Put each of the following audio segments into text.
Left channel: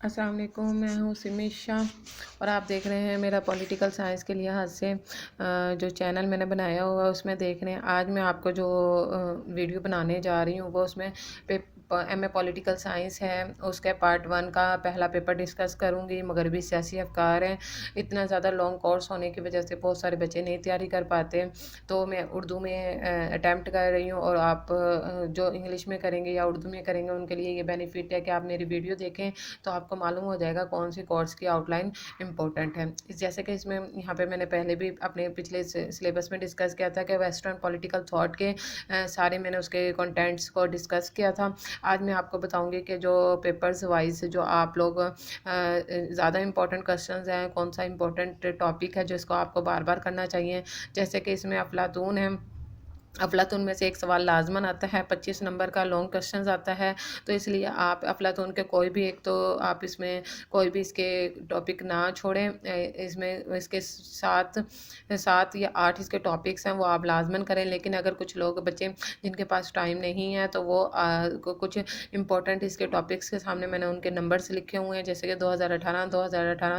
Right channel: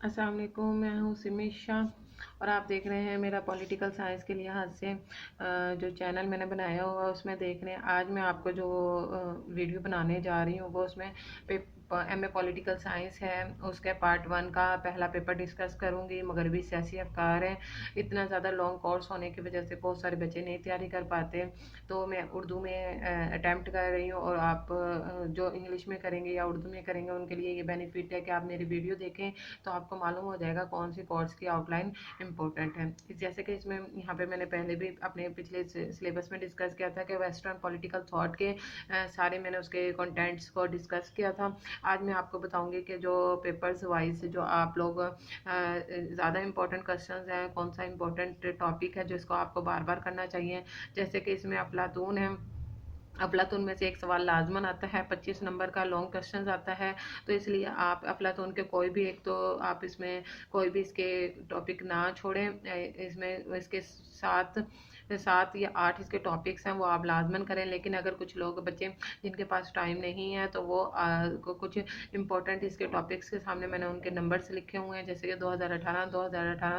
السلام علیکم، میں ہوں سمی شاہ اور آپ دیکھ رہے ہیں میرا پولیٹیکل سائنس کے لحاظ سے جو چینل میں نے بنایا ہوا اس میں دیکھ رہے ہیں۔ آج میں آپ کو جو ویڈیو بنانے جا رہی ہوں وہ اس میں ایم اے پولیٹیکل سائنس ہے، اس کے پارٹ 1 کا پہلا پیپر ڈسکس کروں گی۔ مغربی سیاسی افکار ہیں، اتنا زیادہ لانگ کورس ہونے کی وجہ سے بہت سارے بچے نہیں تیاری کر پاتے، تو میں اردو میں اٹیمپٹ کر رہی ہوں، اور آپ جو انگلش میں کریں گے یا اردو میں کریں گے ان کے لیے یہ بینیفٹ ہے کہ آپ میری ویڈیو دیکھیں تو آپ کو معلوم ہو جائے گا کون سی کورس کی آؤٹ لائن امپورٹنٹ ہے۔ جیسے کہ اس میں یہاں پہ میں نے پہلے بھی اپنے پچھلے سلیبس میں ڈسکس کیا تھا کہ ویسٹرن پولیٹیکل تھاٹ کے سارے میں نے اس کے کنٹینٹس کو ڈسکس کیا تھا۔ آج میں آپ کو بتاؤں گی کہ جو پیپرز وائز جو آپ لوگ زیادہ امپورٹنٹ کوسچنز ہیں، کون سا امپورٹنٹ ٹاپک ہے جو اس کو آپ کو بار بار کرنا چاہیے۔ جیسے کہ اس میں افلاطون ہے، افلاطون میں سے ایک سوال لازماً آتا ہے، 25 نمبر کا لانگ کوسچنز آتا ہے، تو اس لیے آپ افلاطون کے کوئی بھی ایک تو آپ اس میں کوئی بھی اس کے ٹاپک نہ چھوڑیں۔ اس میں اس کے 7 یا 8 اس کے ٹاپکس ہیں وہ آپ لازماً کریں، لیکن اگر کچھ لوگ بچے جن کے پاس ٹائم نہیں ہے تو وہ کچھ امپورٹنٹ اس کے ٹاپکس کے سامنے میں نے ان کے نمبرز لکھے ہوئے ہیں، جیسے کہ 2018،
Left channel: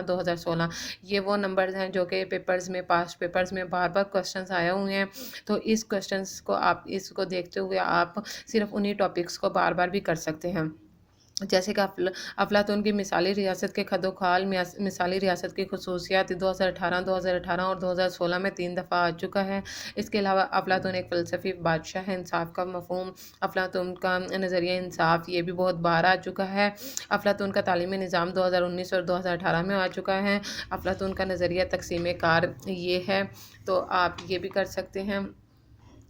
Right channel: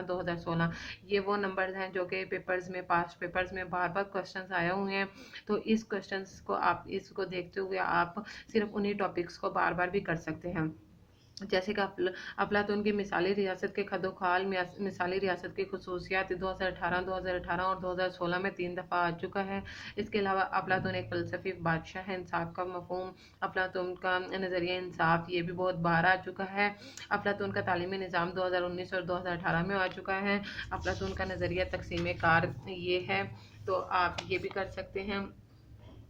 2016 یہ وہ نمبرز ہیں جو کہ پیپرز میں پاسٹ پیپرز میں بار بار کوسچنز آئے ہوئے ہیں، تو اس کوسچنز کو آپ اس کو دیکھتے ہوئے آپ صرف انہی ٹاپکس کو بار بار بھی کر سکتے ہیں۔ جیسے کہ افلاطون کی مثالی ریاست کے خد و خال، مثالی ریاست کی خصوصیات 2018 اور 2016 میں 3 دفعہ آ چکا ہے۔ اس کے علاوہ افلاطون ایک فلسفی بادشاہ ہے، انصاف کا مفہوم، افلاطون کا نظریہ انصاف یہ بھی بہت بار آ چکا ہے۔ افلاطون کا تعلیمی نظام 2019 اور 2018 میں آ چکا ہے۔ افلاطون کا نظریہ تقسیم کار یہ ہے، تو آپ یہ بھی کر سکتے ہیں۔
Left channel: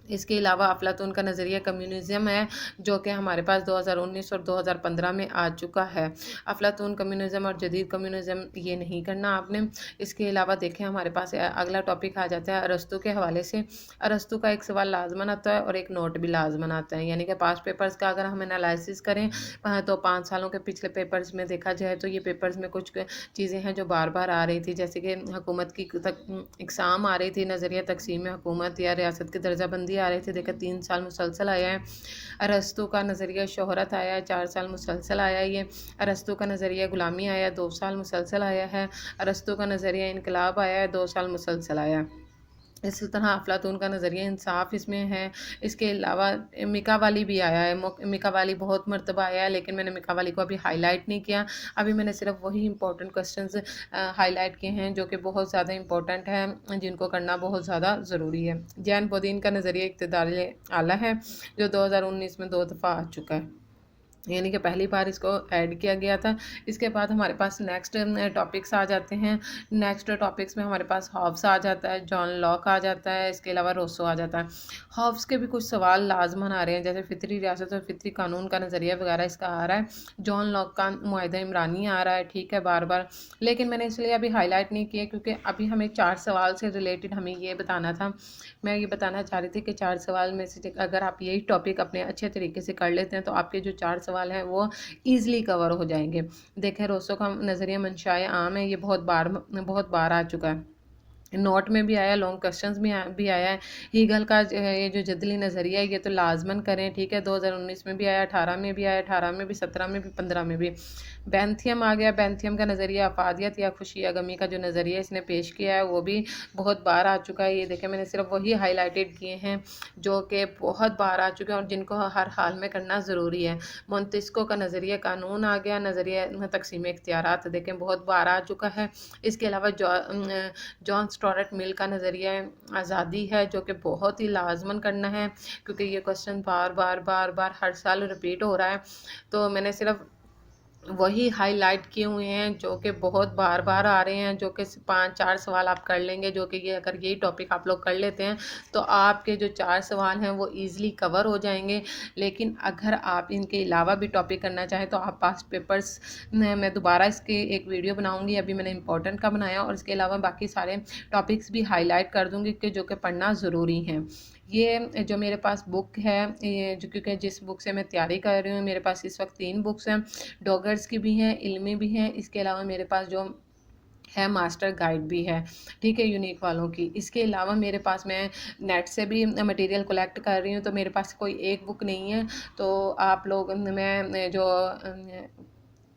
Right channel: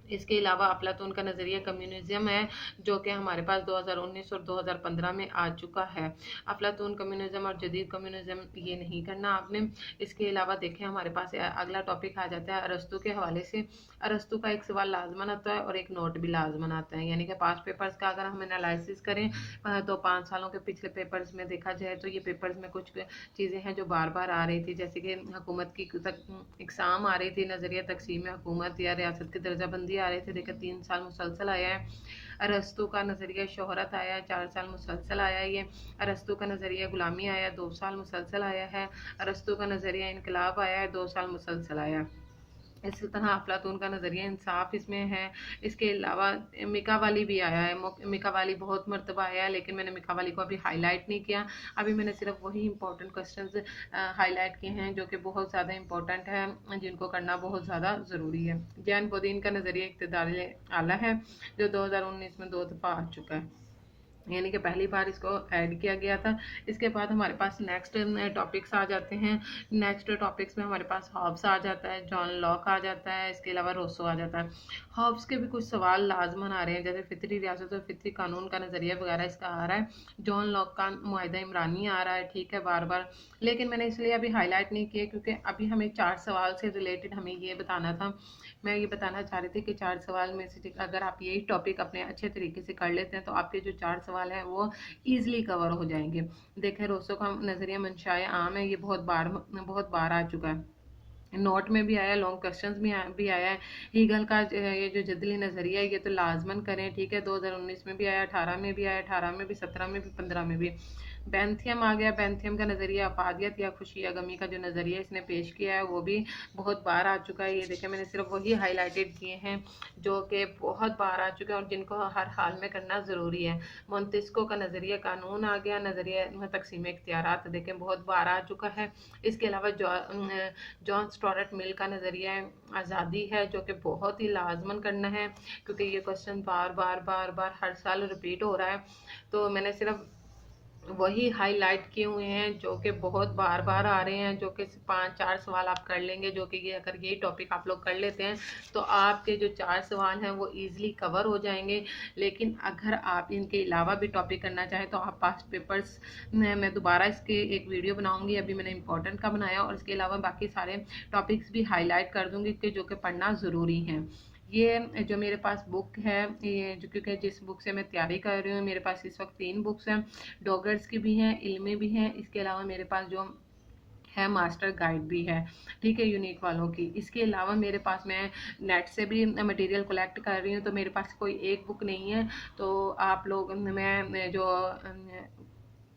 اس کے علاوہ افلاطون کا نظریہ کمیونزم ہے جو کہ ہمارے پاس 2019 اور 2015 میں آ چکا ہے۔ افلاطون کمیونزم اور جدید کمیونزم یہ نہیں کرنا آپ نے۔ اس کے علاوہ دیکھیں ہمارے پاس اگلا ٹاپک آ جاتا ہے ارسطو کے حوالے سے۔ ارسطو کا ایک سوال لازماً آتا ہے اور ایک نوٹ بھی لازماً آتا ہے، یعنی کہ پاسٹ پیپرز کا اگر ہم انالائسس کریں تو 5 سالوں کے پچھلے پیپرز میں دیکھا جائے تو یہ پیپرز میں کچھ چیزیں ہیں جو بار بار آ رہی تھی، جیسے کہ حکومت کی اقسام آ رہی تھی، نظریہ تقسیم حکومت یا ریاست کی درجہ بندی آ رہے تھے، دیکھا 3 سال مسلسل آیا ہے۔ ارسطو کا نظریہ شہرت آیا ہے، 4 سال مسلسل آیا ہے یہ۔ ارسطو کا نظریہ غلامی آیا ہے، 2 سال مسلسل آیا ہے۔ ارسطو کا نظریہ انقلاب آیا ہے، 2 سال مسلسل آیا ہے۔ اسی طرح افلاطون کا نظریہ انصاف اس میں ہے۔ اس کے علاوہ میکا والی بھی آیا ہے، میکا والی بہت مرتبہ آیا ہے، لیکن میں نے میکا والی کو ابھی ہائی لائٹ نہیں کیا، ابھی میں نے صرف وہی امپورٹنٹ کوسچنز ہائی لائٹ کیے ہیں جو کہ بہت زیادہ امپورٹنٹ ہیں، جن کو کرنا بہت زیادہ ضروری ہے۔ جین بودین کا نظریہ اقتدار اعلیٰ ہے جو 2019 میں 2 دفعہ آ چکا ہے، یعنی کہ پہلی بار اس کو ایڈ کیا گیا تھا۔ اس کے بعد ہمارے پاس نیکسٹ ٹاپکس آ جاتے ہیں۔ نیکسٹ ٹاپکس میں ہمارے پاس ہابس آ جاتا ہے، جان لاک آ جاتا ہے، اس کے علاوہ روسو آ جاتا ہے۔ ہابس کے بھی کچھ سوال لازماً آ رہے ہیں، جیسے فطری ریاست اور فطری قانون کا نظریہ وغیرہ اس کا آ رہا ہے۔ جان لاک کا معاہدہ عمرانی آ رہا ہے، ٹھیک ہے، بار بار، لیکن میں نے اس لیے ابھی ہائی لائٹ نہیں کیا کیونکہ ابھی ہمیں 4 سوال سے ریلیٹڈ ہمیں یہ بتانا تھا۔ میں یہ بتانا چاہ رہی تھی کہ 4 سوال میں سے اگر آپ یہی ٹاپک اپنے اچھے طریقے سے کر لیتے ہیں تو آپ کے جو 4 سوال ہیں وہ ایزلی کور ہو جائیں گے۔ دیکھیں روسو کا نظریہ منشائے عام ہے، یہ بہت بار آ چکا ہے، نوٹ میں بھی آیا، لانگ کوسچنز بھی آیا ہے۔ ہیگل کا یہ جو جدلی نظریہ ہے یہ تو لازماً کریں، ٹھیک ہے، 2019 میں بھی آیا، 18 میں بھی آیا، 18 میں بھی، 17 میں بھی، 15 میں بھی۔ بینتھیم آ گیا، بینتھیم کا نظریہ افادیت یا خوشی یا غمی کا جو نظریہ اس نے پیش کیا ہے وہ بھی بہت بار آ چکا ہے۔ یہ دیکھیں میں نے صرف وہی ہائی لائٹڈ کیے ہیں جو کہ بہت بار آ چکے ہیں اور جن کو ہر حال میں کرنا ضروری ہے۔ مونتسکو کا نظریہ قانون آ گیا، نظریہ تقسیم اختیارات دیکھیں بہت بار آ چکا ہے۔ اس کے علاوہ جان اسٹارٹ مل کا نظریہ آزادی ہے جو کہ بہت ہی لازماً کرنا ہے کیونکہ یہ کوسچن بار ہر سال ریپیٹ ہو رہا ہے، تو میں نے صرف وہی ہائی لائٹ کیے ہوئے ہیں جو کہ بہت بار آ رہے ہیں، جو کہ 5-4 سوال آپ کر لیں گے، جو کہ یہ اگر یہی ٹاپک آپ لوگ کر لیتے ہیں تو آپ کے جو 4 سوال ہیں وہ ایزلی کور ہو جائیں گے۔ لیکن اگر آپ ان کے علاوہ بھی ٹاپک کرنا چاہیں تو آپ پاسٹ پیپرز میں دوبارہ اس کے ایک ویڈیو بناؤں گی، ابھی میں نے امپورٹنٹ کا بنایا، اور اس کے علاوہ باقی سارے ٹاپکس بھی ہائی لائٹ کر دوں گی کہ جو کہ پڑھنا ضروری ہیں۔ یہ جو میرے پاس بک ہے، جو کیونکہ جس بک سے میں تیاری کر رہی ہوں، میرے پاس اس وقت 3 بکس ہیں، ڈاگرز کی بھی ہیں، علمی بھی ہیں، اس کے علاوہ میرے پاس جو ہے ماسٹر گائیڈ بھی ہے، ٹھیک ہے، یونیک والوں کی۔ اس کے علاوہ میرے پاس میں نیٹ سے بھی مٹیریل کلیکٹ کر رہی ہوں، تو میرے پاس کوئی ایک بک نہیں ہے، تو آپ لوگ میں جو